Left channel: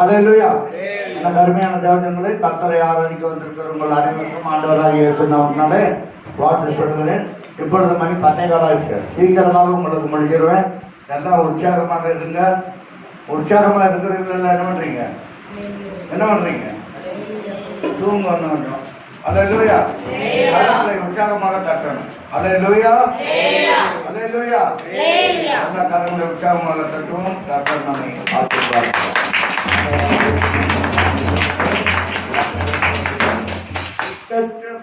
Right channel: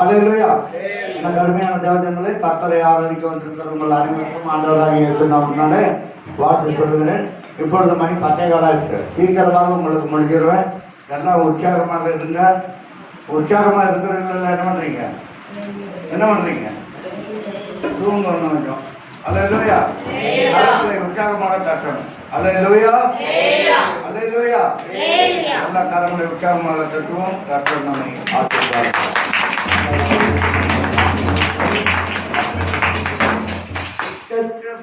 அல்லேலூயா. இந்த கடுமையான தேவஜனங்களே, கர்த்தரை ஆராதிக்க வந்திருக்கிற உங்கள் அனைவருக்கும் ஆண்டவராகிய இயேசு நாமத்தினாலே வாழ்த்து சொல்கிறேன். இப்பொழுது மணி 10:15 ஆச்சு. சீக்கிரமாக உங்களுக்கு முடிஞ்சிருவேன். எல்லாம் உற்சாகமாக இருங்க. உற்சாகமாக இருக்கிறவங்க என்ன பண்றீங்க? தூங்கணும் கொஞ்சம். அல்லேலூயா. கரங்களை உற்சாகமாக தட்டணும். அல்லேலூயா. அல்லேலூயா. எல்லா கரங்களை உற்சாகமாக தட்டுவோம். கர்த்தர் நம்மை ஆசீர்வதிப்பார்.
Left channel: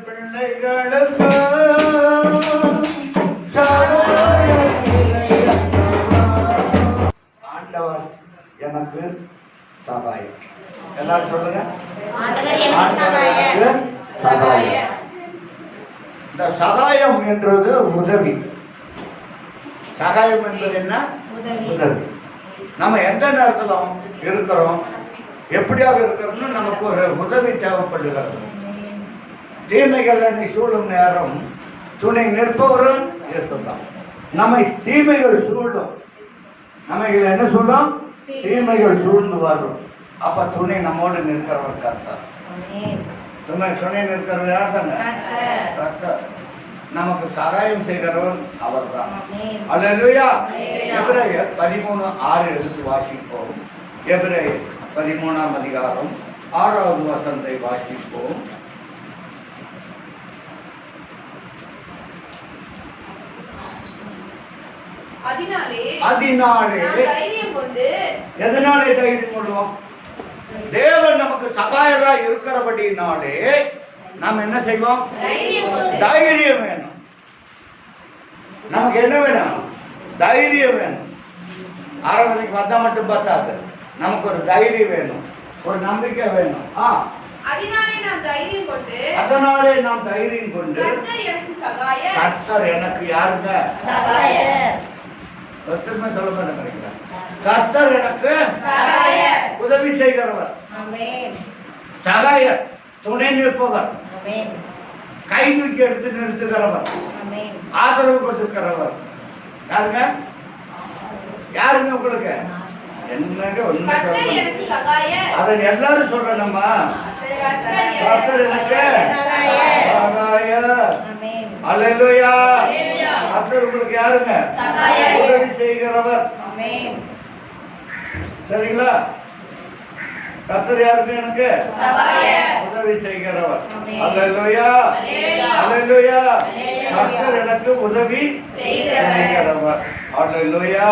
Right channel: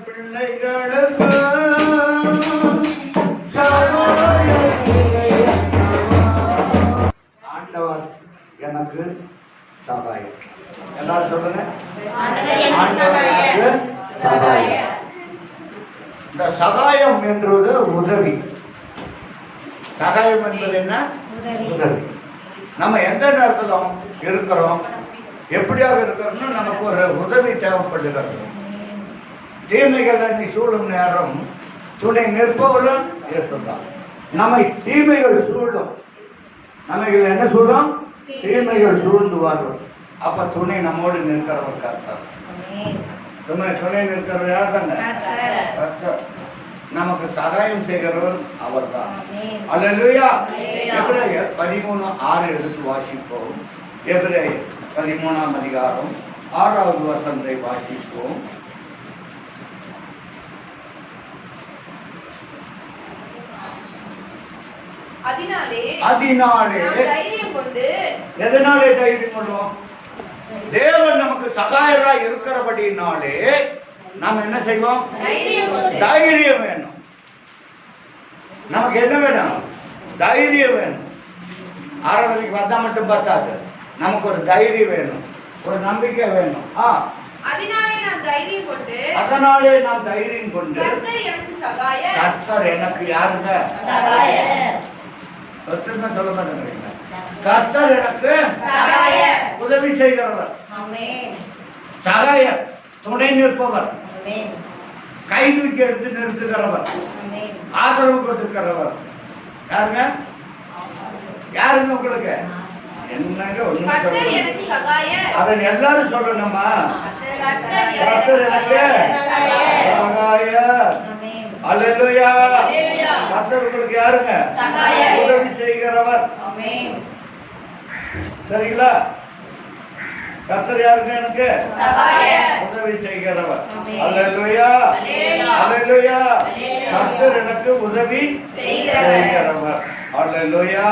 பிள்ளைகளுக்கு ஆண்டவர் எனக்கு சகாயம். எல்லாரும் சொல்லுங்க, ஆண்டவர் எனக்கு சகாயம். இந்த சகாயம் என்றது உதவி. சகாயம் என்பது என்ன? உதவி. நம்ம எந்த நேரத்தில் இருக்கிறோம், எப்படியாக இருக்கிறோம்னு நமக்கு ஒரு உதவி தேவைப்படுகிறது. தீமைகள் என்னை சூழும் நேரம் துணை நிற்பவரும் இயேசுதான். நம்மை தீமைகள் சூழும், நம்ம என்ன சூழும்? தீமைகள் சூழ்ந்து வரும். அப்ப துணை நம்மோடு நிற்கிறவர் கர்த்தர். துணை நிற்கிறவர் யார் தாங்க? கர்த்தர். நமக்கு சகாயம் செய்கிறவர் அவர் தான். அல்லேலூயா. எபிரேயர் 13:6 எடுத்து வாசிப்போம். எபிரேயர் 13ஆம் அதிகாரம் 6வது வசனத்தை வாசிப்போம். அதனாலே எதனாலே தைரியம் கொள்வோம்? தேவன் நமக்கு சகாயராய் இருக்கிறபடினாலே நாம் என்ன செய்வோம்? தைரியம் வேணும். நமக்கு என்ன வேணும்? தைரியம் வேணும். ஆராதனைக்கு வந்தா மட்டும் பத்தாது, நமக்கு ஒரு தைரியம் வேணும், ஒரு நம்பிக்கை வேணும். அதனாலே நாம் தைரியம் கொண்டு கர்த்தர் எனக்கு யாருங்க? திரும்ப சொல்ல மாட்டேங்கிறீங்களா? கர்த்தர் எனக்கு உதவி செய்கிறவர், சகாயர், துணை நிற்பவர், கை தூக்கி எடுத்து நிறுத்துகிறவர், ஆதரவு கொடுத்துக்கிறவர். யாருங்க? யாருங்க உங்களுக்கு? என்னங்க ஒண்ணுமே சொல்ல, அதை எல்லாரும் சொல்லணுமா? கர்த்தர் எனக்கு சகாயர். அல்லேலூயா. கர்த்தர் உங்களுக்கு யாருங்க? உதவி செய்கிறவர். சரிங்களா? கர்த்தர் யாருங்க? எனக்கு உதவி செய்கிறவர். அல்லேலூயா. அல்லேலூயா. கர்த்தர் எனக்கு உதவி செய்கிறவர். அல்லேலூயா.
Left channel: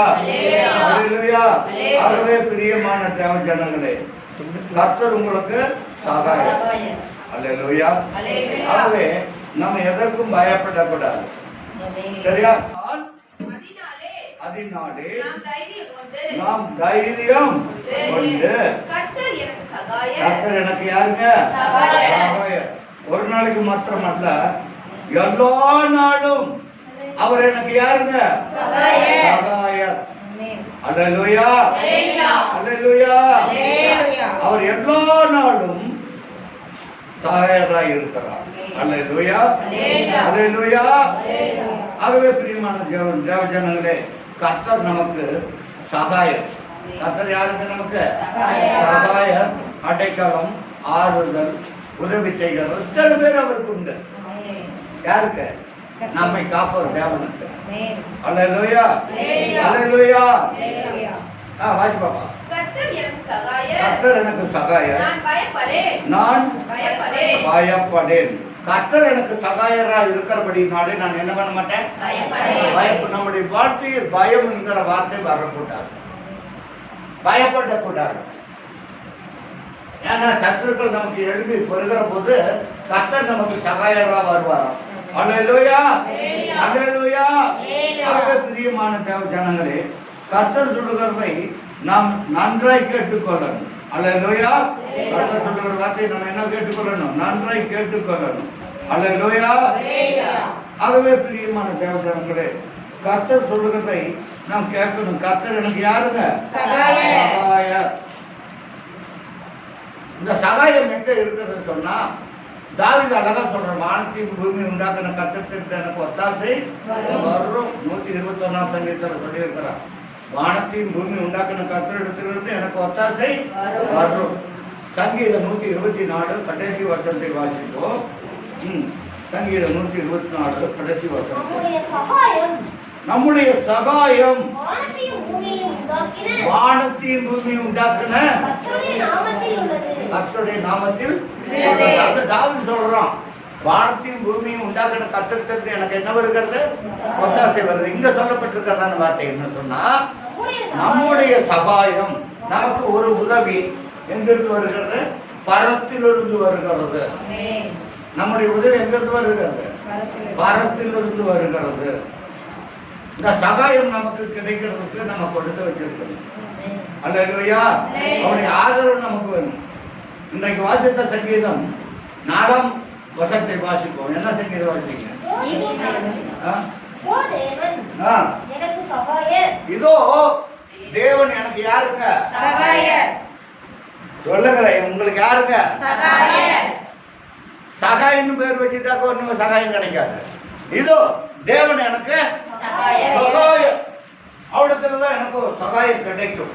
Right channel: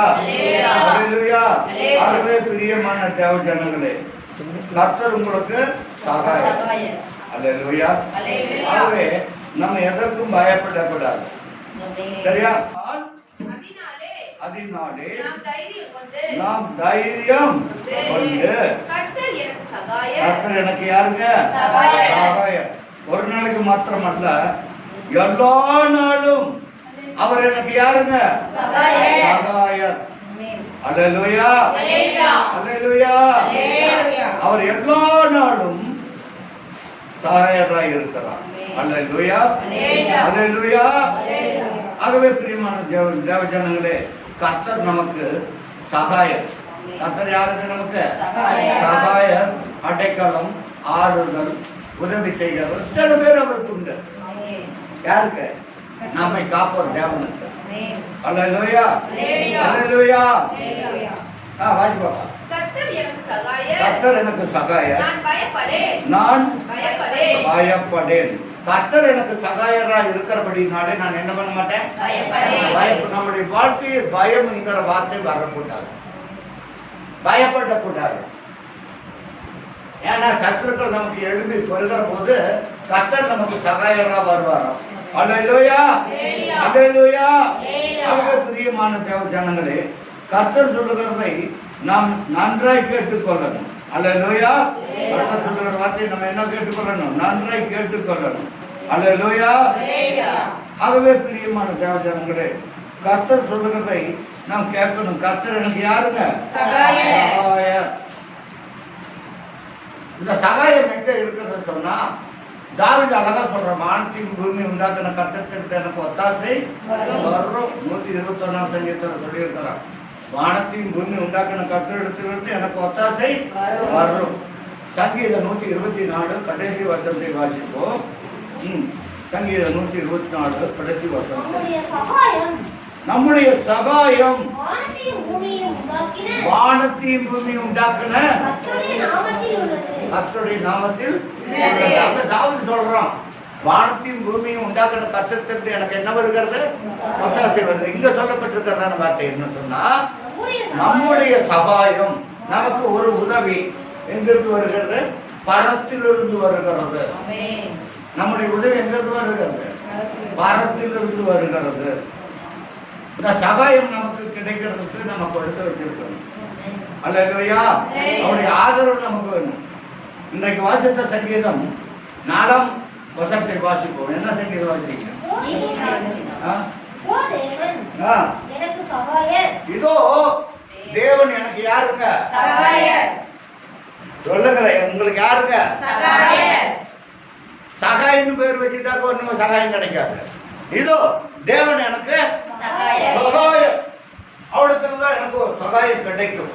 அல்லேலூயா. ஆகவே பிரியமான தேவ ஜனங்களே, கர்த்தர் உங்களுக்கு சகாயம். அல்லேலூயா. ஆகவே நம்ம எதற்கும் பயப்படக்கூடாது. சரியா? அதனாலே நாம் தைரியம் கொண்டு கர்த்தர் எனக்கு யாருங்க? சகாயர். ஒரு நாளைக்கு மாத்திரம் அல்ல, எல்லா நாளும் அவர் எனக்கு யாருங்க? சகாயர். அல்லேலூயா. அல்லேலூயா. அவர் எல்லா நாளும் சகாயராய் இருக்கிறார். அல்லேலூயா. அல்லேலூயா. ஆகவே பிரியமான தேவஜனங்களே, கர்த்தர் நமக்கு சகாயர். கர்த்தர் யாருக்கு? நமக்கு சகாயர், அடைக்கலம், ஆறுதல், உதவி செய்கிறவர். இத்தனை பேர் அவருக்கு உண்டு. யாருக்கு? நம்மை காப்பவர் தேவனுக்கு. அல்லேலூயா. அல்லேலூயா. வாசி பாப்பா. கர்த்தர் எனக்கு சகாயர், நான் பயப்படேன். கர்த்தர் எனக்கு சகாயராக இருக்கிறபடினாலே நான் என்ன பண்ண மாட்டேன்? நம்முடைய வாழ்க்கையில் பயம் என்கிற வார்த்தை வரக்கூடாது, பயப்படக்கூடாது. ஏன்னா சத்துருக்கள் நமக்கு எழுப்பி வருகிற போது கர்த்தர் நமக்கு சகாயரா வருவாராம். அல்லேலூயா. அல்லேலூயா. ஆகவே பிரியமான தேவ ஜனங்களே, கர்த்தர் சொல்லுகிறதை நாம் நன்றாய் கேட்டுக்கொள்ளணும். அல்லேலூயா. கர்த்தர் சொல்லுகிற வார்த்தையை நம்ம என்ன கேட்டுக்கொள்ளணும்? நன்றாய் கேட்டுக்கொள்ளணும். அல்லேலூயா. ஆகவே பிரியமான தேவ ஜனங்களே, கர்த்தர் சொல்லுகிறதை நாம் கேட்கணும். கர்த்தர் எனக்கு யாருங்க? சகாயர். இந்த சகாயம் எங்க இருக்கிறது சொன்னா, தாவீது அழகா சொல்ற, வானத்தையும் பூமி உண்டாக்கின கர்த்தருக்கு எனக்கு ஒத்தாசை வரும். 121ஆம் சங்கீதத்துல சொல்லி இருக்கிறார். வானத்தையும் பூமி உண்டாக்கின கர்த்தரிடத்திலிருந்து எனக்கு ஒத்தாசை வரும். சங்கீதம் 124 கடைசி வருஷத்தை வாசிப்போம். சங்கீதம் 124 கடைசி வருஷம். நம்முடைய சகாயம் வானத்தையும் பூமியும் உண்டாக்கின கர்த்தருடைய நாமத்தில். தாவீது சொல்றான், வானத்தையும் பூமியும் உண்டாக்கின கர்த்தரிடத்திலிருந்து எனக்கு என்ன வருகிறது? ஒத்தாசை வருது. இங்க சொல்லப்பட்டிருக்கிறதான வார்த்தை என்ன சொன்னா, நம்முடைய சகாயம், நமக்கு ஒரு உதவி எங்கிருந்து வருகிறது? பரத்திலிருந்து வருகிறது. நம்முடைய உதவி எங்கிருந்து வருகிறது? பரத்திலிருந்து வருகிறது. இந்த சகாயம் நமக்கு கிடைக்கிறதுக்கு நம்ம கொடுத்து வச்சிருக்கணும். அல்லேலூயா. அவருடைய ஆதரவு நமக்கு வேணும். இன்றைக்கு வாசித்த சங்கீதம் 4ஆம் வசனத்தை வாசிப்போம். என்ன சங்கீதம் வாசிங்க? இதோ தேவன் எனக்கு யாருங்க? சொல்லுங்களேன், உங்களுக்கு யாருங்க? சகாயின்னு பேர் வச்சுட்டாக்க ஒண்ணும் சகாயம் கிடைக்காது. இதோ தேவன் எனக்கு சகாயம். அவடத்துலதான் எனக்கு ஒரு சகாயம் கிடைக்கும்.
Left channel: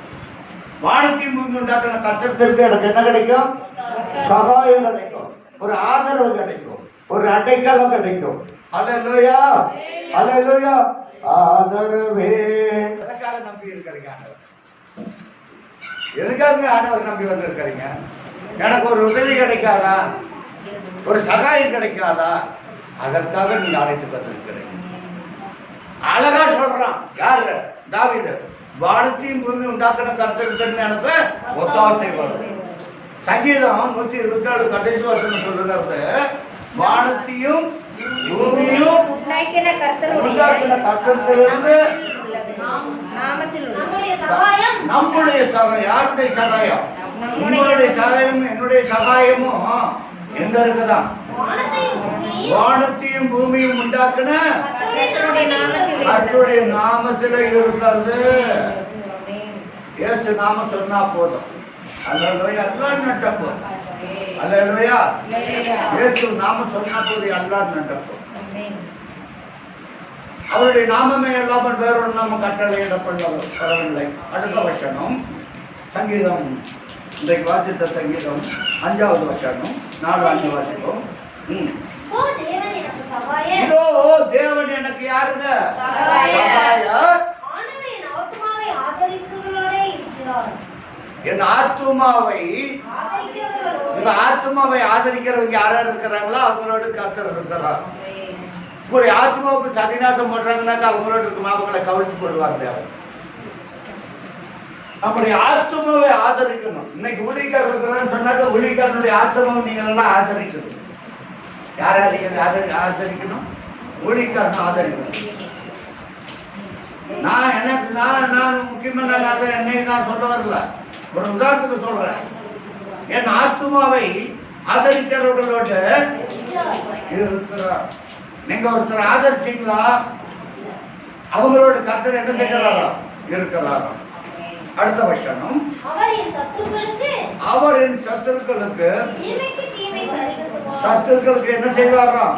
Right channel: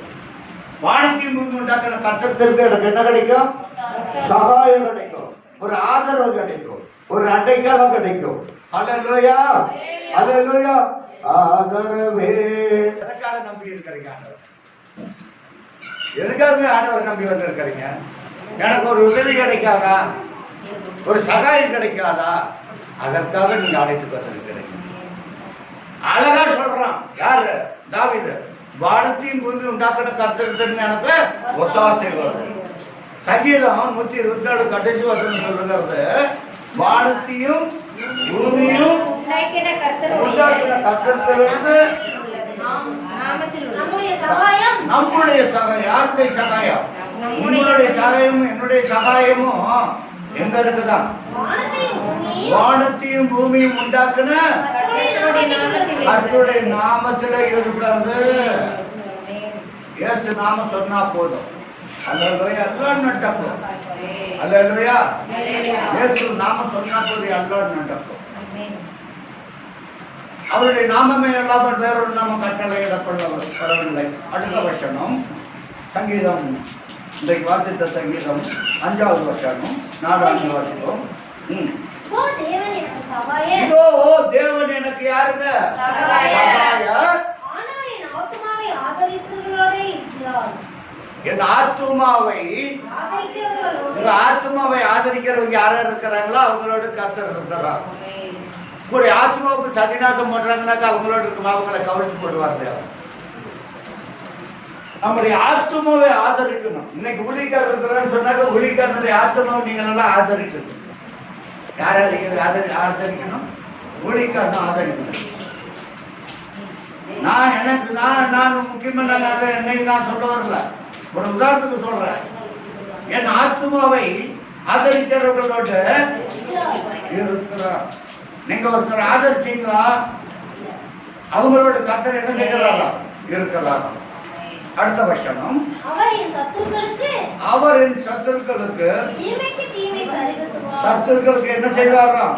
வானத்தையும் பூமி உண்டாக்கின கர்த்தருக்கு எனக்கு என்ன கிடைக்கும்? சகாயம் கிடைக்கும், ஒரு ஆதரவு கிடைக்கும், ஒரு அடைக்கலம் கிடைக்கும். அல்லேலூயா, அல்லேலூயா. ஆதரவே. எதுக்காக நம்பி இருக்கிறீங்க ஆண்டவர்? எதுக்காக ஆண்டவர் நம்பி வந்திருக்கிறீங்க? எனக்கு ஒரு உதவி கிடைக்காதா? ஒரு சகாயம் கிடைக்காதா? அதற்காக நீங்க அழைத்து வந்திருக்கிறீங்க. அழகா சொல்றான். யாரு? தாவீது. வானத்தையும் பூமி உண்டாக்கின கர்த்தருக்கு எனக்கு ஒத்தாசை வரும். சங்கீதம் 124 கடைசி வசனம் சொல்லுகிறது, வானத்தையும் பூமியும் உண்டாக்கின கர்த்தரிடத்திலிருந்து நம்முடைய சகாயம். யாருடைய சகாயம்? உங்களுடைய சகாயமும் என்னுடைய சகாயமும் எங்க இருக்குதான்? வானத்தையும் பூமியும் உண்டாக்குன கர்த்தருடைய நாமத்துல இருக்கிறது. இயேசு நாம சொன்னா போதும். அல்லேலூயா. எல்லாம் நடக்கும். அல்லேலூயா. இயேசு நாம சொன்னா போதும், எல்லாம் நடக்கும். அவருடைய நாமமே இல்லாமல் வேறொரு நாம கட்டளையிடப்படவில்லை. அடுத்த வசனம் சங்கீதம், இன்றைக்கு வாசித்த சங்கீதம் 5வது வசனம் 4 வாசித்தோம். இதோ தேவன் எனக்கு யாருங்க? சகாயம். என் ஆத்துமாவை, உங்க ஆத்துமாவை ஆதரிக்கிறவங்க யாரா இருக்கிறாங்களோ அவங்களோட கர்த்தர் இருக்கிறார். உங்களுடைய ஆத்மாவுக்கு சதிநாசம் போடுறாங்கன்னாக்கா அவங்களோட இருக்குமா? அவங்களை கவிழ்த்து போடுவார் தேவன். நம்முடைய ஆத்மாவை ஆதரிக்கணும். இன்னைக்கு ஊழியக்காரர் இருக்கிறான்னு சொன்னாக்க ஊழியக்காரனுடைய ஆத்மாவை நீங்கள் எல்லாம் ஆதரிக்கணும். யாராவது ஆதரிக்கணும்? ஊழியக்காரனும் ஆதரிக்கணும். நான் முக்கியமான என்னை நான் சொல்ல வரல, ஒரு உதாரணத்துக்கு சொல்றேன். என் ஆத்மாவை ஆதரிக்கிறவர்களோட இருக்கிறார். நீங்க ஒருத்தர் ஆதரிச்சீங்களா? அவங்களோட கர்த்தர் என்ன செய்கிறாரா? இருக்கிறாரா? அடுத்த வசனம், அவர் என் சத்துருக்களுக்கு என்ன செய்வாராம்?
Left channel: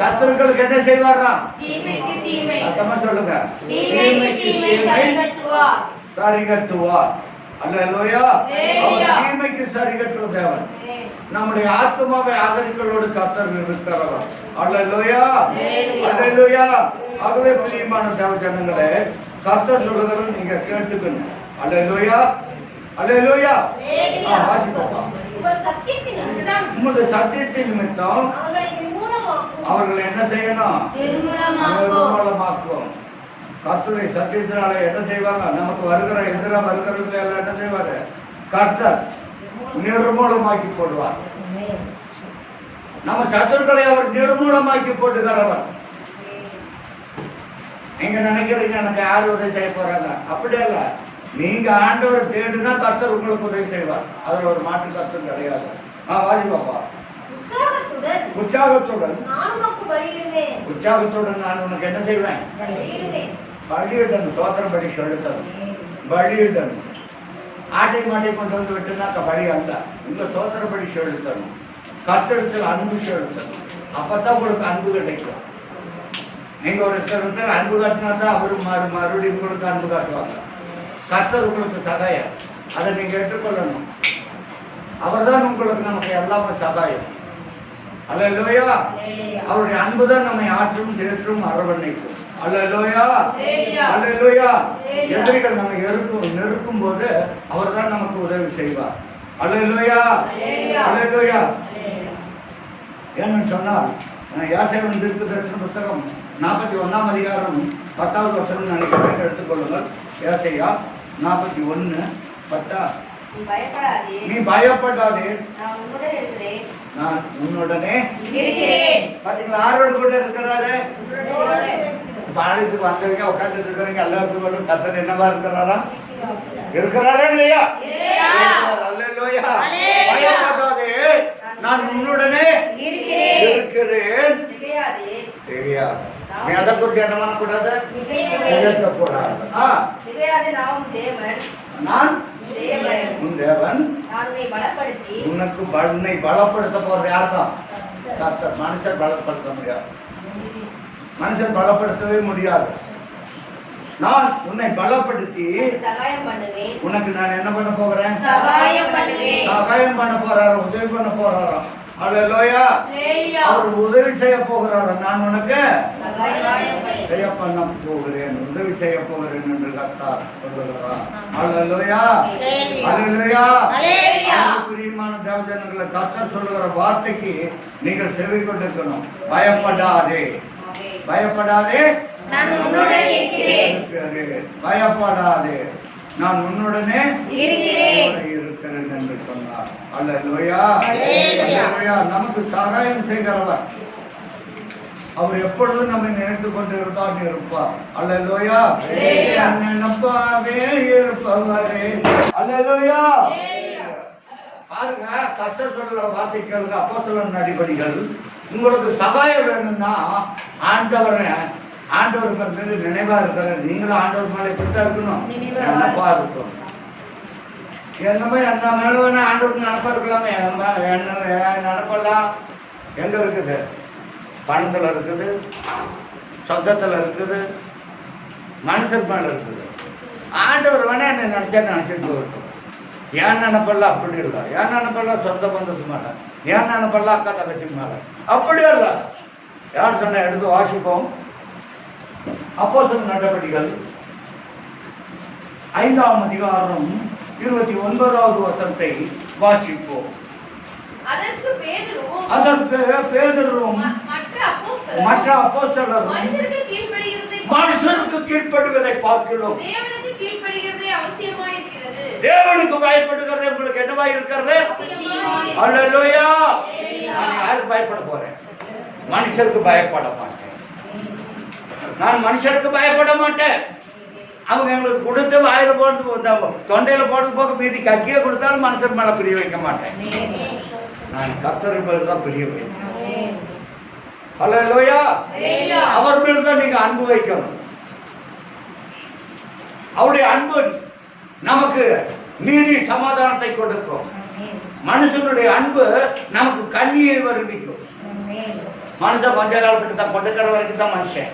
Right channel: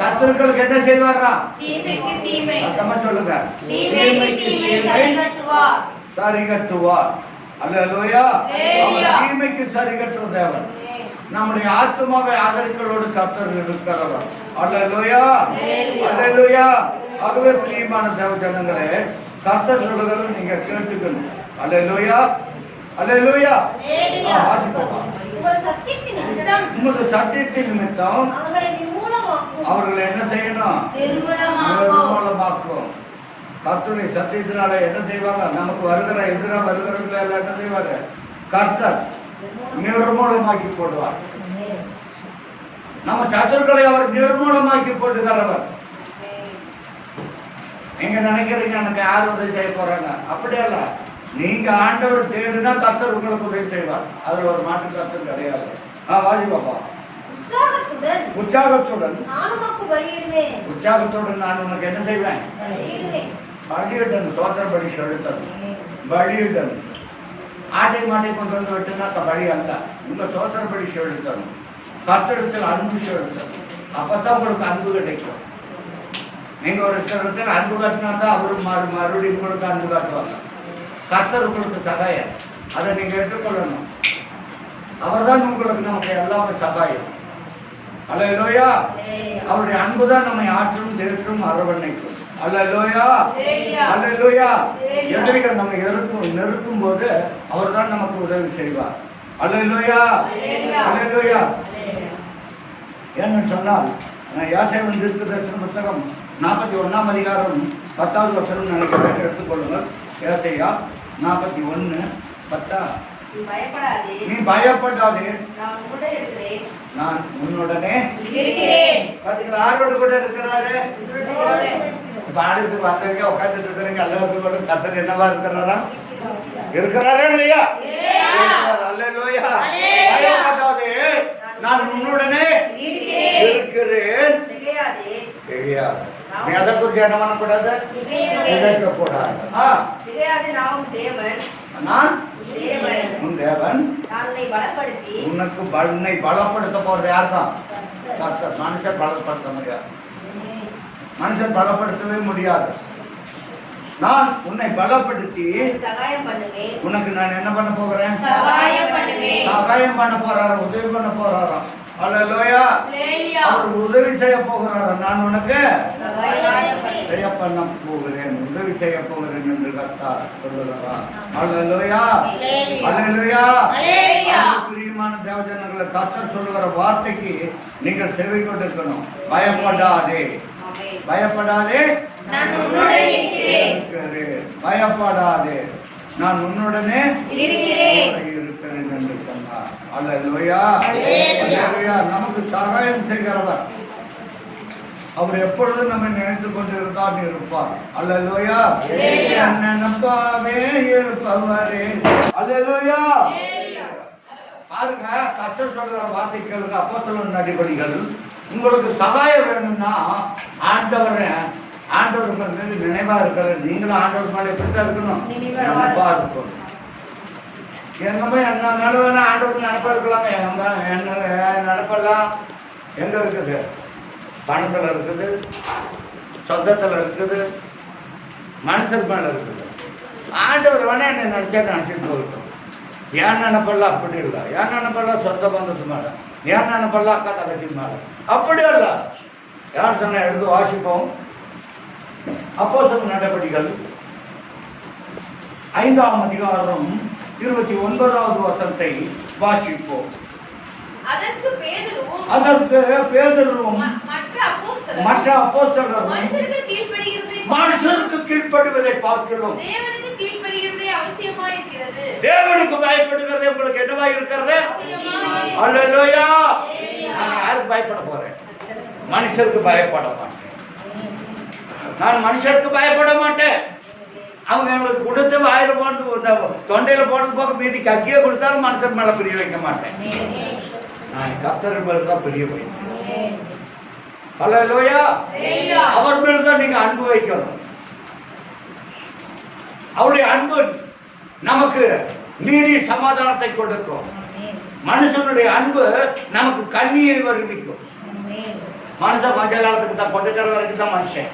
சத்துருக்களுக்கு என்ன செய்வாராம்? சத்தமா சொல்லுங்க. தீமைக்கு தீமை சரி கட்டுவார். அல்லேலூயா. அவர் தீமைக்கு சரி கட்டுற தேவன். நம்முடைய ஆத்மாவை ஆதரிக்கிறோடு கர்த்தர் இருக்கிறவர். அல்லேலூயா, அல்லேலூயா. ஆகவே பிரியமான தேவ ஜனங்களே, கர்த்தர் சொல்லுகிறது நீங்க கேட்டுக்கணும். அல்லேலூயா, அல்லேலூயா. வாசிப்போம். உங்களுடைய சத்தியத்தின் நிமித்தம் அவர்களை என்ன செய்யணும்? நிர்மூலமாக்கும். கர்த்தருடைய சத்தியத்தினால என்ன செய்வாங்க? நமக்கு வருகிற எதிராக வருகிறவர்கள் எல்லாம் என்ன செய்வாரு? கர்த்தர் நிர்மூலமாக்கி போடுவார். நம்ம சத்துருக்களை அவர் நிர்மூலமாக்கி போட்டுகிறவர். நீங்க நினைக்கிறீங்க எனக்கு யாரு உதவி செய்ய போறாங்க? அப்படியல்ல. நீங்க ஆண்டவர் தேடுனா கர்த்தர் உங்களுக்கு உதவி செய்வார். அதுல ஒரு மாற்று கர்த்தர் கிடையாது. வாசி பாப்பா. உற்சாகத்துடன் நான் உனக்கு என்ன செய்வேன்? பலியிடணும். சோத்திர பலி செலுத்தணும். பலியிடணும். ஆட்டை மாட்டை கொண்டு வந்து விட்டுனாக்க பலி அல்ல. உங்க சோத்திர பலி செலுத்தணும். கர்த்தரிடத்தில் அன்பு செலுத்தணும். அப்பதான் உங்களுக்கு அன்பு கிடைக்கும். நீங்க ஒரு இடத்துல அன்பு காட்டினா தான் அவரு மறுபடியும் உங்களுக்கு அன்பு காட்டுவாங்க. கர்த்தர் உங்களுக்கு சகாயம், அதை நீங்க ஏற்றுக்கொள்ளணும். அவர் தான் உங்களுக்கு நமக்கு எல்லாமே சகாயம். அல்லேலூயா. அவருடைய அன்பு தான் நம்மை ஆற்றும் தேற்றும் அரவணைக்கும். அல்லேலூயா, அல்லேலூயா. எதிரிகள் நம்ம நெருக்கும் போது அவர் தான் நமக்கு உதவி செய்வார். அல்லேலூயா, அல்லேலூயா. ஏன்னு சொன்னால் யாசேயன் தீர்க்கதரிசன புத்தகம் 41ஆம் அதிகாரம் 10வது வசனம் நினைக்கிறேன், எடுத்துக்கொள்ளுங்கள். யாசேயா 41:10. நீ பயப்படாதே, நான் உன்னுடனே பாத்தீங்களா? யாரோடு கூட இருக்கிறாரு? இப்ப ஆலயத்துக்கு வந்தவங்க உட்கார்ந்துட்டு இருக்கிறவங்க எல்லாத்துக்கும் கூட கர்த்தர் என்னவா இருக்கிறாரா? இருக்கிறாரா இல்லையா? அல்லேலூயா. பயப்படாதே, நான் உன்னுடனே இருக்கிறேன். தெரியாது. நீ அதை குறித்து என்ன பண்ணக்கூடாது? நினைக்கக்கூடாது. நான் உன் தேவன். உனக்கு உன்னை பலப்படுத்த போறது யார் தான்? கர்த்தர். மனுஷன் பலப்படுத்த முடியாது, மனுஷன் பலப்படுத்தவே முடியாது. நான் உன்னை பலப்படுத்தி உனக்கு நான் என்ன பண்ண போகிறேன்? சகாயம் பண்ண போறாரு, உதவி பண்ண போறாராம். அல்லேலூயா. அவர் உதவி செய்ய போகிறாரா? நான் உனக்கு செய்ய பண்ண போகிறேன், உதவி செய்ய போகிறேன் என்று கர்த்தர் சொல்லுகிறார். அல்லேலூயா, அல்லேலூயா. பிரியமான தேவஜனங்களை, கர்த்தர் சொல்லுகிற வார்த்தைக்கு நீங்கள் செவி கொண்டிருக்கணும். பயப்படாதே, பயப்படாதே, பயப்படாதே, நான் உன்னுடனே இருக்கிறேன் என்று சொன்னார். அல்லேலூயா, அல்லேலூயா. நமக்கு சகாயம் செய்கிறவர் அவர் எப்பொழுதும் நம்ம நினைத்துக் கொண்டிருந்தான் இருப்பார். அல்லேலூயா. நம்பாவே இருப்பவரே. அல்லேலூயா. பாருங்க, கர்த்தர் சொல்லுகிற வார்த்தை கேளுங்க. அப்போஸ்தலர் நடபடிகள். உங்களுக்கு சகாயம் வேணும்னா ஆண்டவருக்கு மீது நினைவா இருக்கிற நீங்களும் ஆண்டவர் மேல எப்படித்தான் இருக்கணும்? நினைப்பா இருக்கணும். என்னமே என்ன மேல வேணா ஆண்டவருக்கு நினைப்பா இருக்கலாங்க. என்ன நினைப்பெல்லாம் எங்க இருக்குது? பணத்துல இருக்குது, சொந்தத்துல இருக்குது, மனுஷர் மேல இருக்குது. ஆண்டவர் வேணா என்ன நினைச்சா நினைச்சிட்டு போகட்டும். ஏன் நினைப்பெல்லாம் அப்படி இல்லை. ஏன் நினைப்பெல்லாம் சொந்த பந்தத்து மேல, ஏன் நினைப்பெல்லாம் அக்கா தங்கச்சி மேல, அப்படி இல்ல. யார் சொன்ன? எடுத்து வாசிப்போம். அப்போஸ்தலர் நடபடிகள் 5ஆம் அதிகாரம் 29வது வசனத்தை வாசிப்போம். அதற்கு பேதுருவும் மற்ற அப்போஸ்தலரும் மனுஷருக்கு கீழ்ப்படிவதை பார்க்கிறோம். தேவனுக்கு பயப்படுகிறது உங்களுக்கு என்னவா இருக்கிறது? அல்லேலூயா. நான் யாருக்கு பயப்பட போறேன்? மனுஷருக்கு பயப்பட மாட்டேன். நான் மனுஷருக்கு பயப்பட மாட்டேன். அவங்க எங்களுக்கு கொடுத்து வாயில போடுறது, தொண்டையில போடுறது போக மீதி கக்கிய கொடுத்தாலும் மனுஷர் மேல பிரிய வைக்க மாட்டேன். நான் கர்த்தர் மேல தான் பிரிய வைப்பேன். அல்லேலூயா. அவர் மேல தான் நீங்க அன்பு வைக்கணும். அவருடைய அன்பு நமக்கு நீடி சமாதானத்தை கொடுக்கும். மனுஷனுடைய அன்பு நமக்கு கண்ணியை வருவிக்கும். மனுஷன் கொஞ்ச காலத்துக்கு தான், கொடுக்கிற வரைக்கும் தான் மனுஷன்.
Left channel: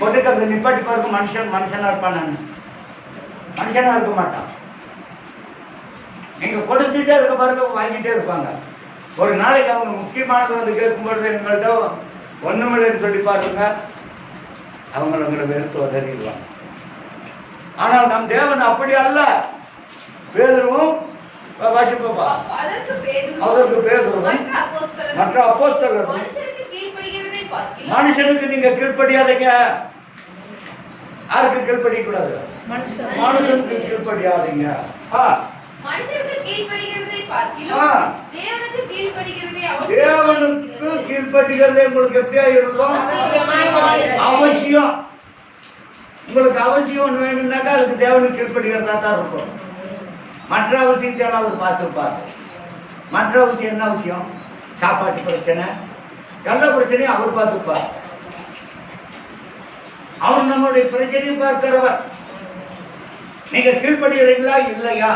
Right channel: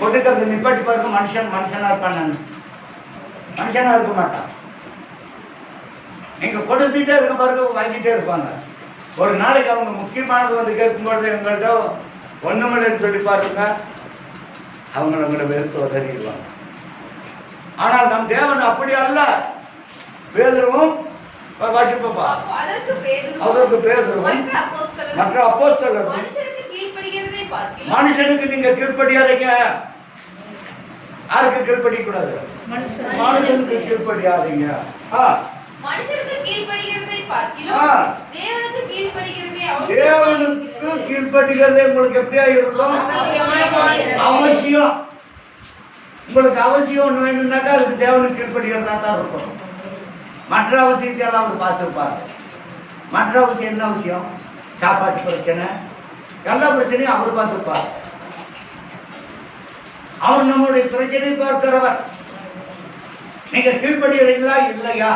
கொடுக்கறது நிப்பாட்டி பாருங்க, மனுஷனா இருப்பான். மனுஷனா இருக்க மாட்டான். நீங்க கொடுத்துட்டே இருக்க பாருங்க, வாங்கிட்டே இருப்பாங்க. ஒரு நாளைக்கு அவங்க முக்கியமானது வந்து கேட்கும்பொழுது எங்கள்கிட்ட ஒண்ணுமில்லைன்னு சொல்லி பாருங்க, அவங்களை வெறுத்து உதறிடுவாங்க. ஆனால் நம் தேவன் அப்படி அல்ல. பேதுருவும் வாசிப்பா, அதற்கு பேதுருவும் மற்ற அப்போஸ்தலரும் மனுஷனுக்கு நீங்க கீழ்ப்படியாதீங்க. யாருக்கு கீழ்ப்படிய கூடாது? மனுஷனுக்கு கீழ்ப்படியாதீங்க. தேவனுக்கு கீழ்ப்படிகிறதே உங்களுக்கு எப்படியா இருக்கும்? அவசியம். உங்களுக்கு அவசியம் ஒண்ணு வேணும்னாக்கா அதுக்கு தேவனுக்கு கீழ்ப்படிகிறதா தான் இருக்கும். மற்ற அவசியத்தையெல்லாம் அவர் பார்த்துப்பார். மற்ற அவசியம் என்ன விஷயம்? சாப்பாட்டு பிரச்சனை, எல்லா பிரச்சனையும் அவர் பார்த்துப்பார். அவர் நம்மளுடைய பிரச்சனையை பார்க்கிறவர். நீங்க கீழ்ப்படுகிறீங்களா இல்லையா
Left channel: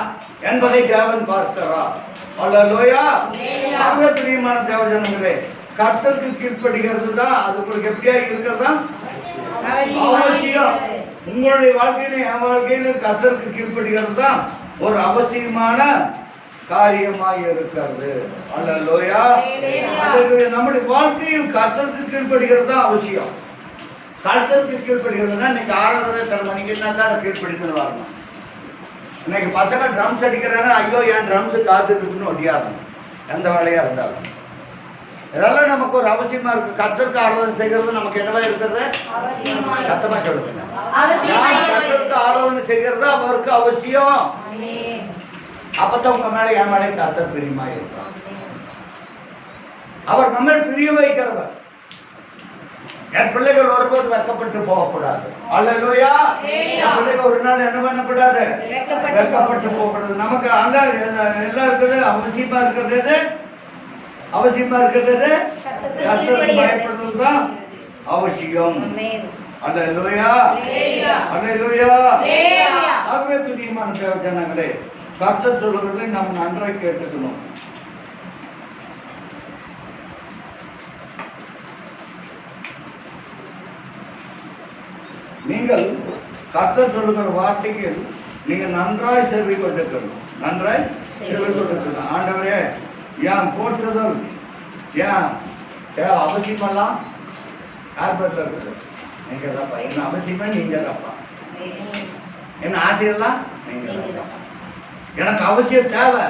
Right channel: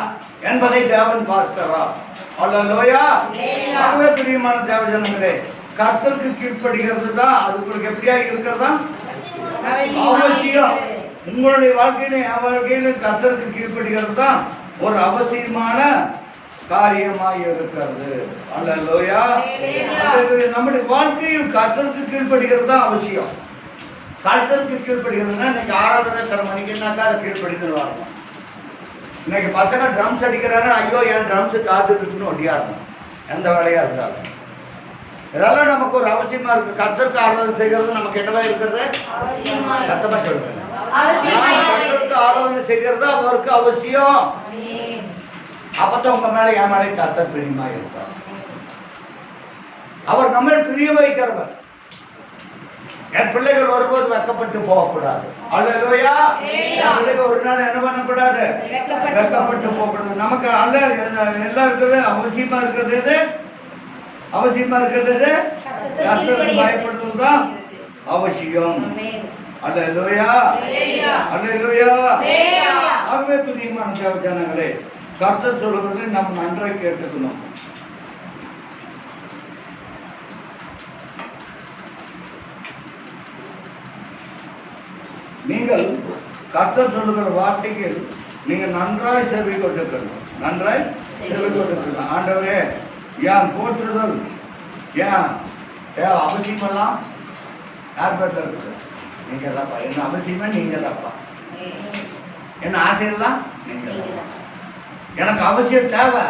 என்பதை தேவன் பார்க்கிறார். அல்லேலூயா. பிரியமான தேவஜனங்களே, கர்த்தருக்கு கீழ்ப்படுகிறது தான் அது உங்களுக்கு எப்படியா இருக்கிறதா அவசியம். உங்களுடைய வாழ்க்கையிலும் என் வாழ்க்கையிலும் கர்த்தருக்கு கீழ்ப்படுகிறது தான் ஒரு அவசியமான காரியமாய் இருக்கிறது. அல்லேலூயா. நம்முடைய வாழ்க்கையில் கர்த்தருக்கு கீழ்ப்படுகிறது தான் அவசியம். கர்த்தருக்கு கீழ்ப்படுகிறதுனா இன்னைக்கு ஆராதனை தர மணிக்குனாக்கா அதை கீழ்ப்படுகிறது வரணும். இன்னைக்கு பசங்க ட்ரம்ஸ் அடிக்கிறாங்க, ஐயோ என் ட்ரம்ஸு காத்துட்டு இருக்குன்னு ஒட்டியாடணும். எந்த வேலையா இருந்தாலும் இதெல்லாம் நமக்கு ஒரு அவசியமா இருக்கு. கர்த்தருக்கு ஆராதனை செய்கிறது நமக்கு என்னவா இருக்கிறது? சத்தமா சொல்லுங்க. கர்த்தருக்கு ஆராதனை செய்கிறது அவருக்கு அவசியம். அப்பதான் உங்க மேல என் மேலே கர்த்தர் பிரியமா இருப்பார். அவர் நம்ம பிரிய வைக்கிறவர். என் பிள்ளைகள் வரும்போது வெக்கப்பட்டு போகக்கூடாது. அல்லேலூயா. என் பிள்ளைகள் ஒரு நாள் என்ன பண்ணக்கூடாது? வெக்கப்பட்டு போகக்கூடாது. நமக்கு எல்லாம் இருக்கிறது அவசியமா இருக்கிறது. அவசியமா இருக்கிறது கர்த்தருக்கு பயப்படுறது தான் அவசியம். அல்லேலூயா. அல்லேலூயா. ஆகவே பிரியமான தேவ ஜனங்களே, கர்த்தர் சொல்லுகிறதை நாம் நன்றாக கேட்டுக்கணும். நீங்கள் கர்த்தர் சொல்லுகிற வார்த்தைகள் நீங்க நன்றாய் செவி கொண்டிருக்கணும். நன்றாய் செவி கொண்டிருக்கணும். ஆண்டவரே, ஏன் போற்றுதல் ஏன் அவசியமெல்லாம் யார் பேர்ல இருக்குது? நீங்க தாப்பா. என்ன அவசியமா நீங்க தாப்பா. என்ன ஆசையெல்லாம் நீங்க தாப்பா. எனக்கு அவசியம் தேவை.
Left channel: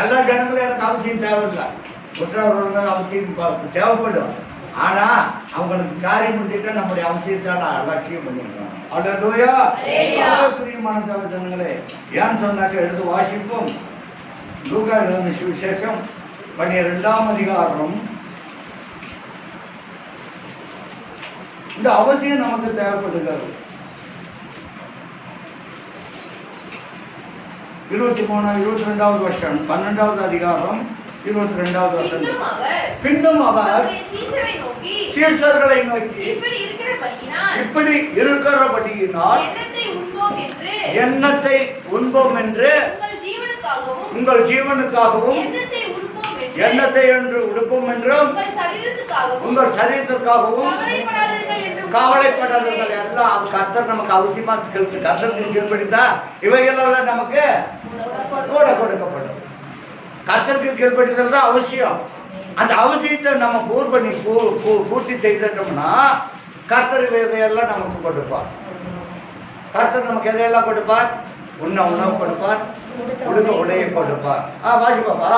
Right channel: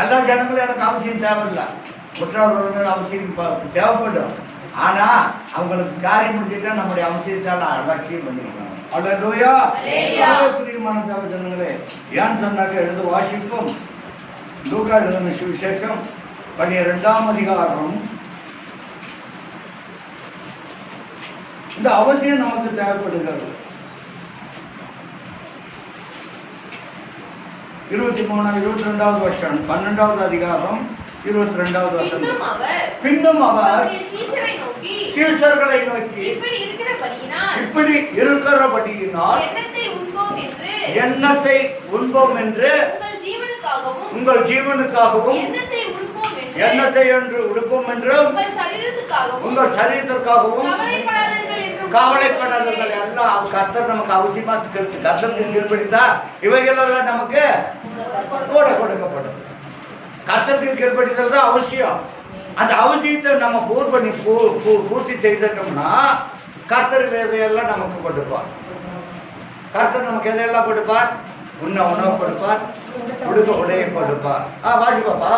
எல்லா ஜனங்களும் எனக்கு அவசியம் தேவையில்லை. குற்றவாளிகள் அவசியம் தேவைப்படும். ஆனா அவங்களுக்கு காரியம் முடிச்சுட்டா நம்முடைய அவசியத்தால அலட்சியம் பண்ணிருக்காங்க. அல்லேலூயா. பிரியமான தேவ ஜனங்களே, ஏன்னு சொன்னாக்க எழுத வாசிப்போம். லூக்கா எழுதின சுவிசேஷம் 12ஆம் அதிகாரம். இந்த அவசியம் நமக்கு தேவைப்படுகிறது. 22வது வருஷம் 12வது அதிகாரம் 22வது வசனம். பின்னும் அவர் சீஷர்களை நோக்கி இப்படி இருக்கிறபடியினால் எண்ணத்தை உண்போம் என்று உங்கள் ஜீவனுக்காகவும் எண்ணத்தை என்று உடுப்போம் என்றும் உங்கள் சரீரத்திற்காகவும் கவலைப்படாதீர்கள். எல்லாம் கர்த்தர் நமக்கு அவசியமா கர்த்தருக்கு கீழ்படித்தா இவைகளெல்லாம் நமக்கு கூட கொடுக்கப்படும். கர்த்தருக்கு கீழ்படிதல் தான் அவசியம். அந்த அவசியத்தை நம்ம பூர்த்தி செய்தோம்னா கர்த்தர் இதையெல்லாம் நமக்கு கொடுப்பார். கர்த்தர் நமக்கு எதையெல்லாம் கொடுப்பார்? உண்ண உணவு கொடுப்பார், உடுக்க உடையை கொடுப்பார். வாசிப்பாப்பா.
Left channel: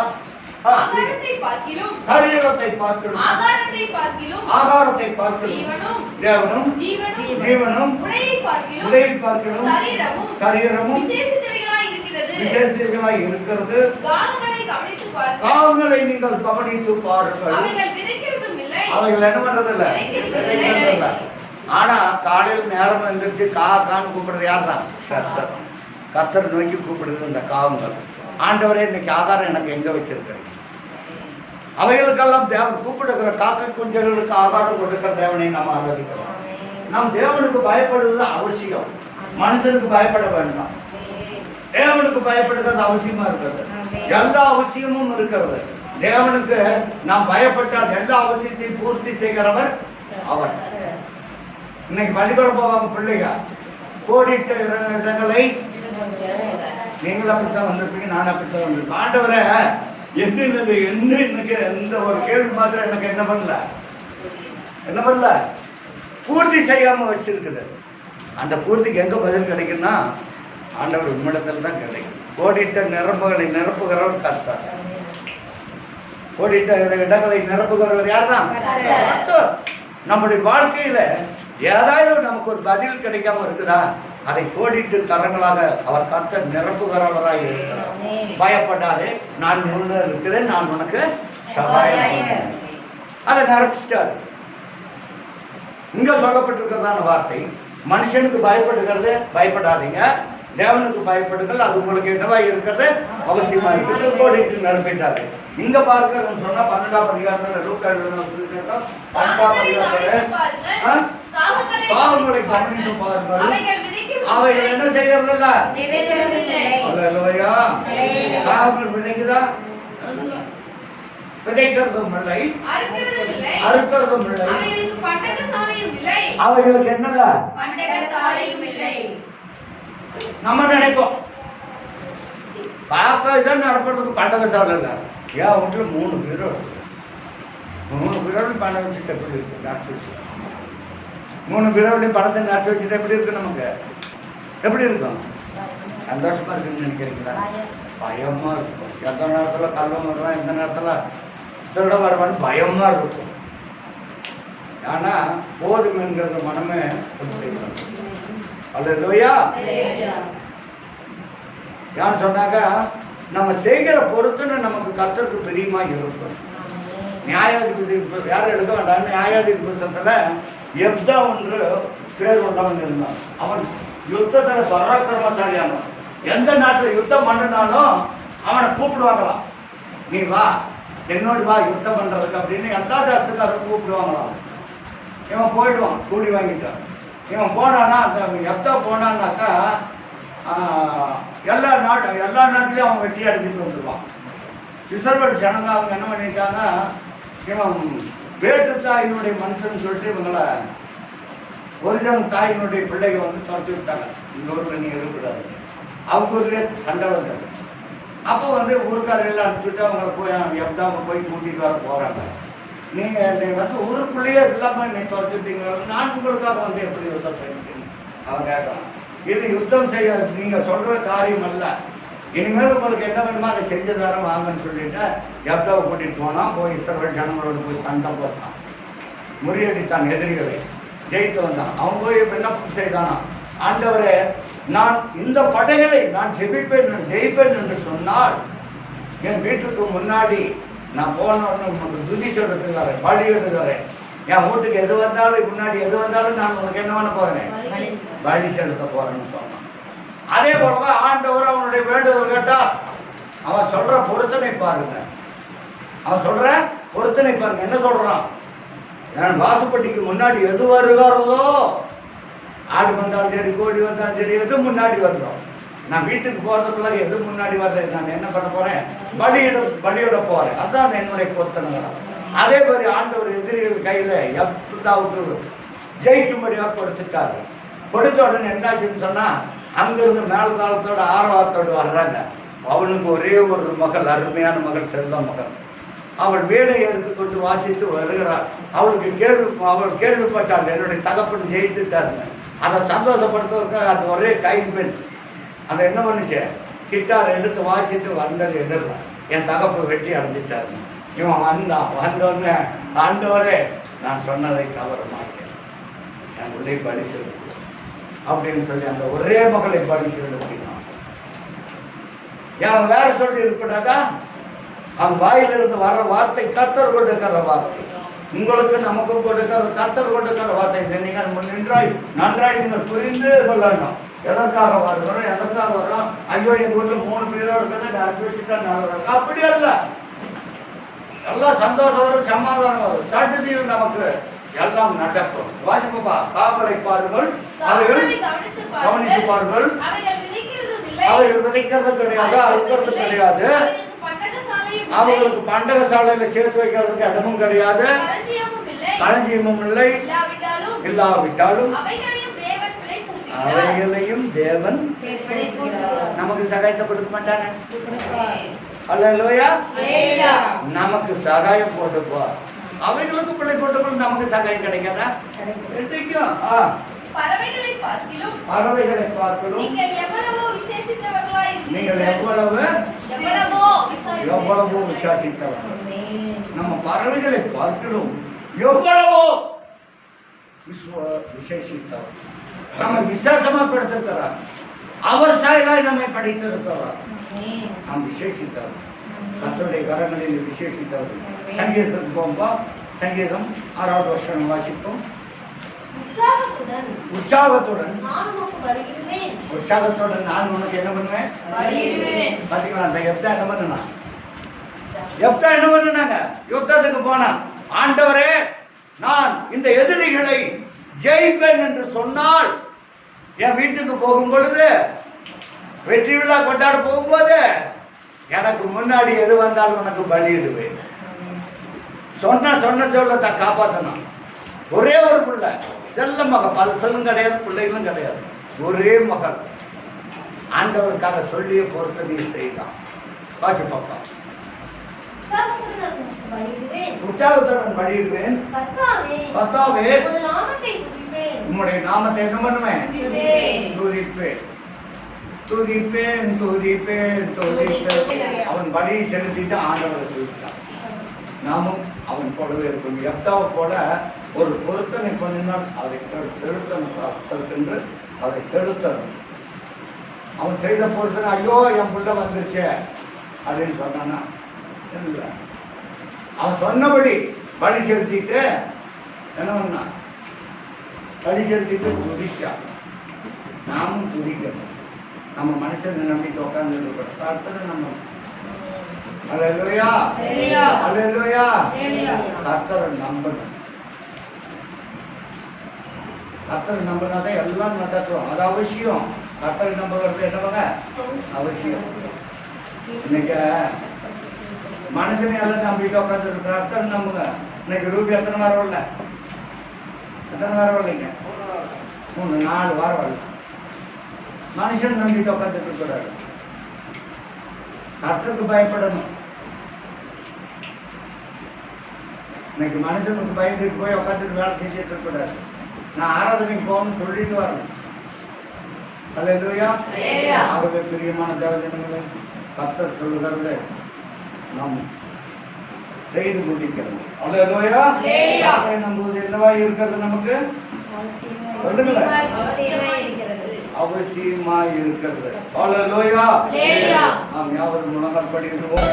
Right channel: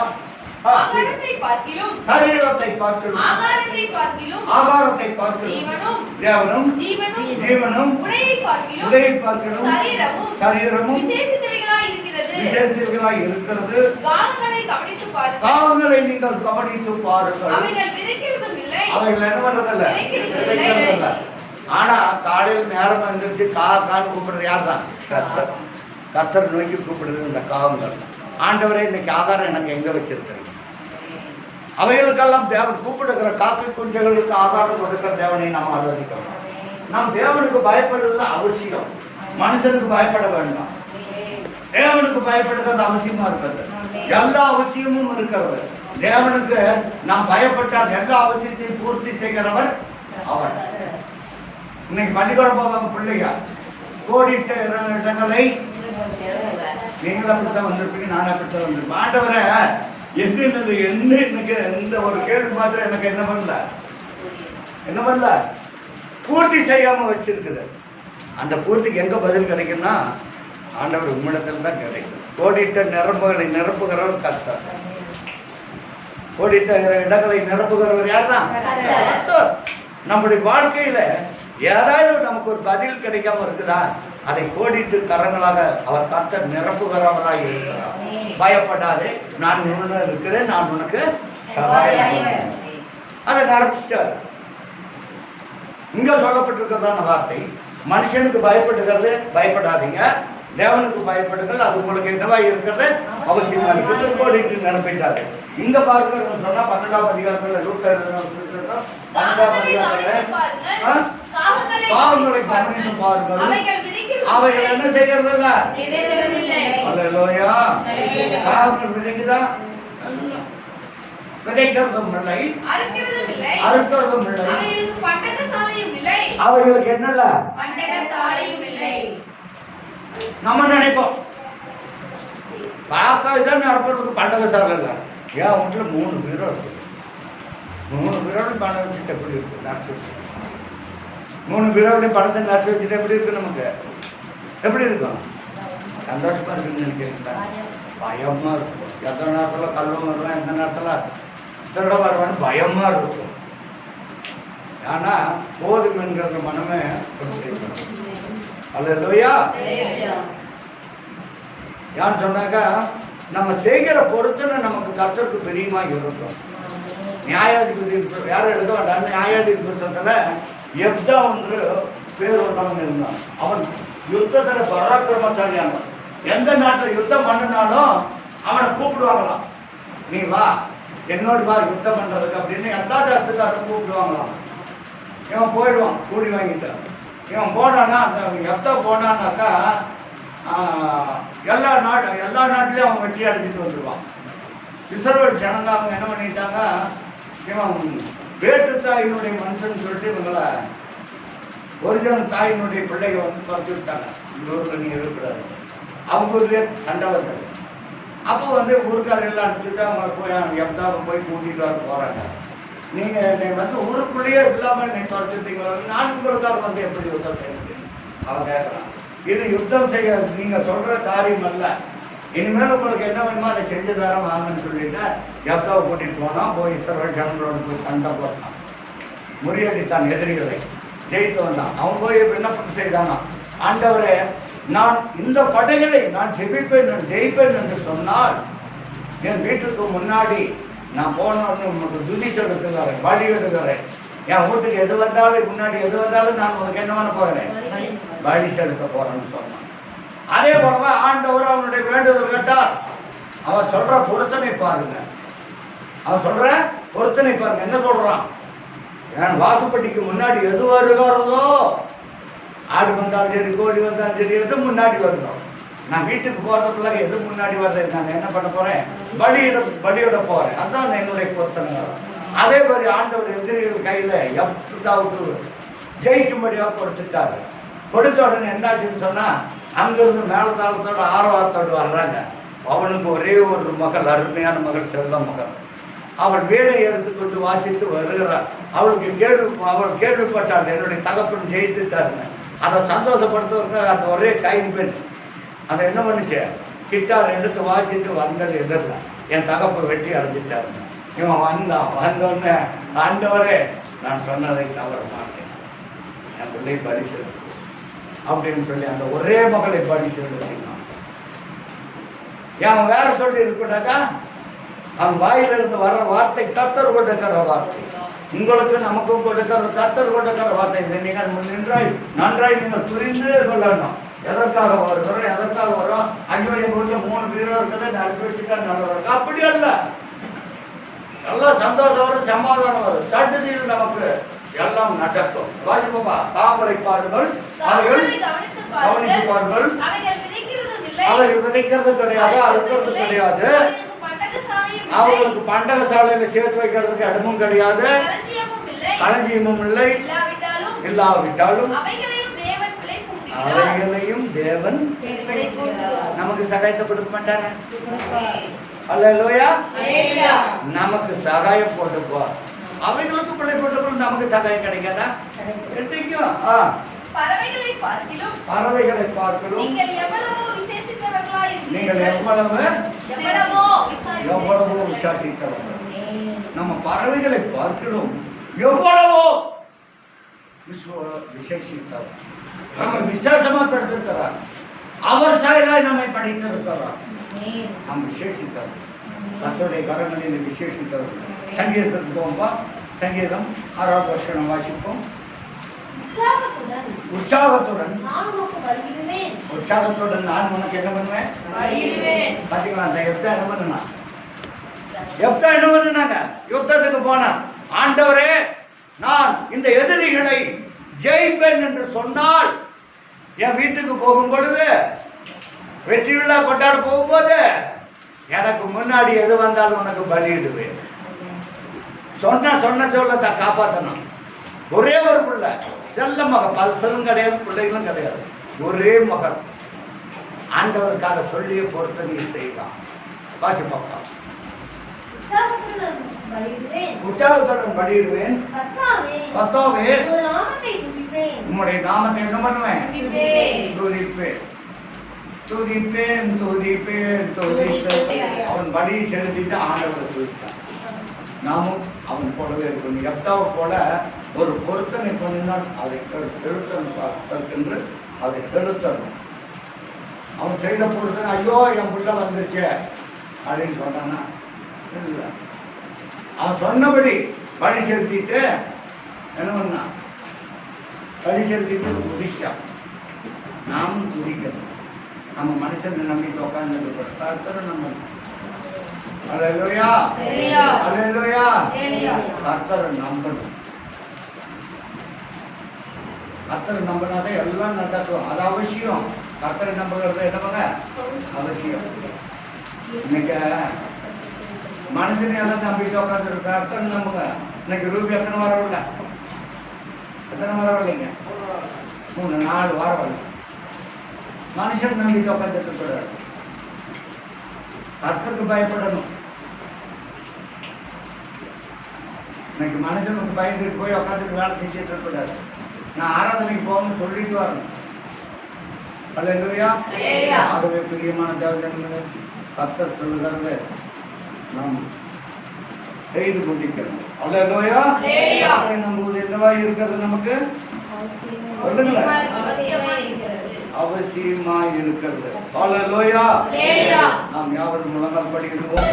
சரீரத்தை பார்க்கிலும் ஆகாரத்தை பார்க்கிலும் தேவனும் ஜீவனும் உடையை பார்க்கிலும் சரீரமும் விசேஷித்தவைகளாய் இருக்கிறது. காவல்களை நீங்கள் கவனித்து பாருங்கள். அவைகள் என்ன பண்றதில்ல. ஆனா காலையில் நேரம் எந்திரிச்சு கான்னு கூப்பிடுறது யார் தான்? கர்த்தர். கர்த்தர் நோக்கி கூப்பிடுறது இந்த காவங்கள். ஆண்டவரே, இன்னைக்கு ஆகாரம் எனக்கு எங்க வச்சிருக்கிறீங்க? அவைகளுக்கெல்லாம் தேவன் கூப்பிடுகிற காக்கை குஞ்சுகளுக்கு ஆகாரம் கொடுக்கிற தேவனை நாம் ஆராதிக்கிறோம். நாம் தேவனுக்கு பயப்படுறது அவசியம். மனுஷனுக்கு பயப்பட வேண்டாம். தேவனுக்கு பயப்படுகிறது அவசியமா இருக்கிறது. எல்லா அவசியமும் இருக்கிறது. தேவனுக்கு நாம் பயப்பட்டால் எல்லா அவசியத்தையும் பூர்த்தி செய்கிறவர் அவர். இன்னைக்கு பள்ளிக்கூடம் போவாங்க பிள்ளைங்க. கோடிட்ட இடங்களை நீங்களும் அப்படித்தான் வந்திருப்பீங்க, நானும் அப்படித்தான் வந்திருப்பேன். ஆண்டவரை என்ன எனக்கு இந்த ஒரு கேள்வி மாத்திரம் எனக்கு என்ன பண்ணல பூர்த்தி செய்யாம வச்சிருக்குது. அந்த பூர்த்திக்கு எங்க பதில் கிடைக்குன்னா ஆண்டவர் உம்மிடத்தில் தான் கிடைக்கும். கோடிட்ட நிரம்புகளை நிரப்புகிறவர் கர்த்தர். கோடிட்ட இடங்களை நிரப்புகிறவர் யார் தான்? கர்த்தர். நம்முடைய வாழ்க்கையில ஏதாவது நமக்கு ஒரு பதில் கிடைக்காம இருக்குதா? அதை கோடிட்டு கரங்களாக அவர் கர்த்தர் நிரப்புகிறவராய் இருக்கிறார். பயப்படாதே, நான் உன்னுடன் இருக்கிறேன், நான் உனக்கு சகாயம் பண்ணுவேன். அதை நிரப்பிச்சிட்டாரு. இங்க சொல்லப்பட்டிருக்கிறதான வார்த்தை, மனுஷனுக்கு பயப்படுகிறது பயப்படாதீங்க, தேவனுக்கு பயப்படுங்கள், அது உங்களுக்கு என்னவா இருக்கிறது அவசியமா இருக்கிறது. கோடிட்டு நிரப்பிட்டாரு. இங்க பாருங்க சொன்னா 12ஆம் அதிகாரத்துல லூக்கா எழுதின 12ஆம் அதிகாரத்துல பாவங்களை கவனித்து பாருங்கள், அவைகள் என்ன செய்யறதில்ல. அல்லேலூயா. பாவங்கள் விதைக்குதா? விதைக்கிறதும் இல்லை, அறுக்கிறதும் இல்லை, அவைகளுக்கு என்னல்ல. நம்ம நினைப்போம் பார்க்கதான் அறுப்பறதுக்கு பண்டகசாலை இல்லை. ஏன் வீட்டுல 3 பீரோ இருக்கு, 3 பீரோலையும் பணம் வச்சுட்டு எப்படி இருக்கு நடிச்சு வச்சு, 3 பீரோலையும் பணத்தை நடிச்சு வச்சுட்டு எப்படி இருக்கு, நமக்கு எப்படி இருக்கும்? சந்தோஷமா இருக்குன்னு நினைக்கிறீங்களா? பயமா இருக்கும். எந்த நேரத்துல கல்வம் வருவான், எந்த நேரத்துல திருட வருவான்னு பயமா இருக்கும். ஆனா போதும் என்கிற மனமே அல்லேலூயா. யான்னு சொன்னாக்க நம்ம செய்கிற பொறுத்துன்னு நமக்கு கர்த்தருக்கு பிரியமா இருக்கும். நியாயாதிபதி வேற எடுக்க வேண்டாம். நியாயாதிபதி புத்தகத்துல எப்தா ஒன்று பேர் உள்ளவன் இருந்தான். அவன் யுத்தத்துல பராக்கிரமசாலியான, எந்த நாட்டுல யுத்தம் பண்ணினாலும் அவனை கூப்பிடுவாங்களாம், நீ வா என்னோடு வா யுத்தம் பண்றதுக்கு அப்படின்னு. எல்லா ஜாஸ்திக்காரரும் கூப்பிடுவாங்களாம். இவன் போயிடுவான் கூலி வாங்கிட்டான். இவன் போனான்னா அந்த எப்தா போனான்னாக்கா எல்லா நாட்டிலையும் அவன் வெட்டி அடிச்சுட்டு வந்துடுவான். இஸ்ரவேல் ஜனங்க அவங்க என்ன பண்ணிட்டாங்க, இவன் வேற்று தாயினுடைய மனுஷன் சொல்லிட்டு இவங்களை ஒரிஜினல் தாயினுடைய பிள்ளைங்க வந்து துரத்தி விட்டாங்க. இந்த ஊர்ல நீ இருக்கக்கூடாது. அவங்க ஊர்லயே சண்டை வந்தது. அப்போ வந்து ஊருக்காரர் எல்லாம் அனுப்பிச்சுட்டு அவங்க போய் எப்தாவை போய் கூட்டிட்டு வர போறாங்க. நீங்க என்னை வந்து ஊருக்குள்ளேயே இல்லாம என்னை துரத்திட்டீங்களா, நான் உங்களுக்காக வந்து எப்படி யுத்தம் செய்யணும் அவன் கேட்கறான். இது யுத்தம் செய்ய நீங்க சொல்ற காரியம் அல்ல, இனிமேல் உங்களுக்கு என்ன வேணுமோ அதை செஞ்சு தர வாங்கன்னு சொல்லிட்டு எப்தாவை கூட்டிட்டு போனான். போய் இஸ்ரவேல் ஜனங்களோடு போய் சண்டை போட்டான், முறியடித்தான், எதிரிகளை ஜெயித்து வந்தான். அவன் போய் விண்ணப்பம் செய்தானா, ஆண்டவரே நான் இந்த படைகளை நான் ஜெயிப்பேன் என்று சொன்னால் என் வீட்டுக்கு முன்னாடி நான் போனோன்னு உனக்கு துதி சொல்றதுக்காரன் வழி எடுக்கிறேன். என் வீட்டுக்கு எது வந்தாலும் முன்னாடி எது வந்தாலும் நான் உனக்கு என்ன பண்ண போகிறேன், வழி செலுத்த போறேன்னு சொன்னான். அதே போல ஆண்டவர் அவனுடைய வேண்டுதல் கேட்டார். அவன் சொல்ற பொருத்தனை பாருங்க, அவன் சொல்ற பொருத்தனை பாருங்க. என்ன சொல்றான், என் வாசுப்பட்டிக்கு முன்னாடி எது வருகிறதோ, ஆடு வந்தாலும் சரி கோழி வந்தாலும் சரி எது முன்னாடி வருதோ, நான் வீட்டுக்கு போறதுக்குள்ள எது முன்னாடி வர்றது, நான் என்ன பண்ண போறேன், பலியிட போறேன். அதான் என்னுடைய பொருத்தனை. அதே மாதிரி ஆண்டவர் எதிரிகள் கையில எப்தாவுக்கு ஜெயிக்கும்படியாக கொடுத்துட்டாரு. கொடுத்த உடனே என்னாச்சுன்னு சொன்னா, அங்கிருந்து மேலதாளத்தோட ஆர்வத்தோடு வர்றாங்க. அவனுக்கு ஒரே ஒரு மகள், அருமையான மகள், செல்ல மகள். அவள் வீடை எடுத்துக்கொண்டு வாசித்து வருகிறாள். அவள் கேள்விப்பட்டாள் என்னுடைய தகப்பன் ஜெயித்துட்டாருன்னு. அதை சந்தோஷப்படுத்துவதற்கு அந்த ஒரே கைம்பெண் அதை என்ன பண்ணுச்சு, கிட்டார் எடுத்து வாசிட்டு வந்தது எதிரில், என் தகப்பை வெற்றி அடைஞ்சிட்டாரு. இவன் வந்தோடனே ஆண்டவரே நான் சொன்னதை தவற மாட்டேன், என் பிள்ளை பலி செலுத்து அப்படின்னு சொல்லி அந்த ஒரே மகளை பலி செலுத்தினான். அவன் வேற சொல்லி இருக்கக்கூடாதா, அவன் வாயிலிருந்து வர்ற வார்த்தை கர்த்தர் கொடுக்கிற வார்த்தை, உங்களுக்கு நமக்கும் கொடுக்கிற கர்த்தர் கொடுக்கிற வார்த்தை. இதை நீங்கள் நன்றாய் நீங்கள் புரிந்து கொள்ளணும். எதற்காக வருகிறோம், எதற்காக வரோம். ஐயோ எங்க வீட்டுல 3 பேரோ இருக்கிறத நினைச்சு வச்சுட்டா நல்லதா இருக்கு, அப்படி அல்ல. எல்லாம் சந்தோஷம் வரும், சமாதானம் வரும், சட்டத்தில் நமக்கு எல்லாம் நடக்கும். வாசிப்பா, தாமரை பாருங்கள், அவைகள் கவனித்து பாருங்கள், அவைகள் விதைக்கிறது கிடையாது, அறுக்கிறது கிடையாது, அவங்களுக்கு பண்டக சாலையில சேர்த்து வைக்கிறதுக்கு இடமும் கிடையாது, களஞ்சியமும் இல்லை, இல்லாவிட்டாலும் அவைகளையும் தேவன் நமக்கு சகாயத்தை கொடுக்க மாட்டாங்க. அல்லேலூயா. நமக்கு சகாயம் போட்டுப்போ, அவைகளுக்கு பிள்ளை போட்டுக்கொள்ள நமக்கு சகாயம் கிடைக்காதா? கிடைக்கும். பறவைகளை பார்க்கலும் நீங்கள் எவ்வளவோ விசுவாசித்தவர்கள். நம்ம பறவைகளை பார்க்கலும் எவ்வளவோ விசேஷித்தவர். நம்ம விசேஷமா படுத்திருக்கிறார், அவர் சாயலாய் நம்மை படித்திருக்கிறார். நாம் விசேஷித்தவர், கர்த்தருடைய கரங்களில் விசேஷித்தவர்கள். சங்கீதத்துக்கு போகும்பா, சங்கீதம் 6வது வருஷம் வாசிப்போம். உற்சாகத்துடன் நான் உனக்கு என்ன பண்ணுவேன் பாத்தீங்களா? அந்த எப்தா என்ன பண்ணுனாங்க, யுத்தத்துக்கு போனான். ஆண்டவரே நான் இந்த எதிரிகளை ஜெயிப்பேன் என்று சொன்னால், என் வீட்டுக்கு போகும் பொழுது, வெற்றி விழா கொண்டாட போகும்போது, எனக்கு முன்னாடி எது வந்தாலும் உனக்கு பலியிடுவேன். சொன்ன சொல்லத்தை காப்பாற்றணும். ஒரே ஒரு பிள்ளை, செல்ல மகன், பல்சலும் கிடையாது, பிள்ளைகளும் கிடையாது, ஒரே மகள். ஆண்டவருக்காக சொல்லிய பொறுத்தனையை செய்தான். வாசி பாப்பா. உற்சாகத்துடன் பலியிடுவேன், கர்த்தாவே உம்முடைய நாமத்தை என்ன பண்ணுவேன்? துதிப்பேன், துதிப்பேன், துதிப்பேன், துதிப்பேன். அவன் பலியை செலுத்திட்டு ஆண்டவரை துதித்தான். நாமும் அவன் போலவே இருக்கணும். எப்தாவை போல ஒரு பொருத்தனை பண்ணினால் அதை செலுத்தன்று அதை செலுத்தணும். அவன் செய்த பொருத்தனை, ஐயோ என் புள்ள வந்துருச்சு அப்படின்னு சொன்னானா? இல்லை, அவன் சொன்னபடி பலி செலுத்திட்டு என்ன பண்ணா? பலி செலுத்திட்டு துதிச்சா. நாமும் துதிக்கணும். நம்ம மனுஷனை நம்பிட்டு உட்கார்ந்து கர்த்தரை நம்ம அல்லேலூயா, அல்லேலூயா, கர்த்தரை நம்பணும். கர்த்தரை நம்பினாதான் எல்லாம் நடக்கும். அது அவசியம். கர்த்தரை நம்புகிறது என்னவாங்க அவசியம். இன்னைக்கு மனுஷனை எல்லாம் நம்பிட்டு உட்காந்து கர்த்தரை நம்புங்க. இன்னைக்கு ரூபி எத்தனை வாரம் வரல? எத்தனை வாரம் வரலைங்க? 3-4 வாரம் வரல. மனுஷன் நம்பிட்டு உட்காந்துட்டு இருக்கிறாரு. கர்த்தருக்கு பயப்படணும். இன்னைக்கு மனுஷனுக்கு பயந்துட்டு போய் உட்காந்துட்டு வேலை செஞ்சுட்டு இருக்கக்கூடாது. நான் ஆராதனைக்கு போகணும்னு சொல்லிட்டு வரணும். அல்லேலூயா. ஆகவே பிரியமான தேவஜனங்களே, கர்த்தர் சொல்லுகிறது நாம் செய்து முடிக்கணும். அல்லேலூயா. நம்புவது என்னவா இருக்கிறது? நமக்கு சொல்லுங்களேன். அவசியமா இருக்கிறது. அல்லேலூயா. நாம் யாவரும் முழங்கால் படிக்கிறோம்.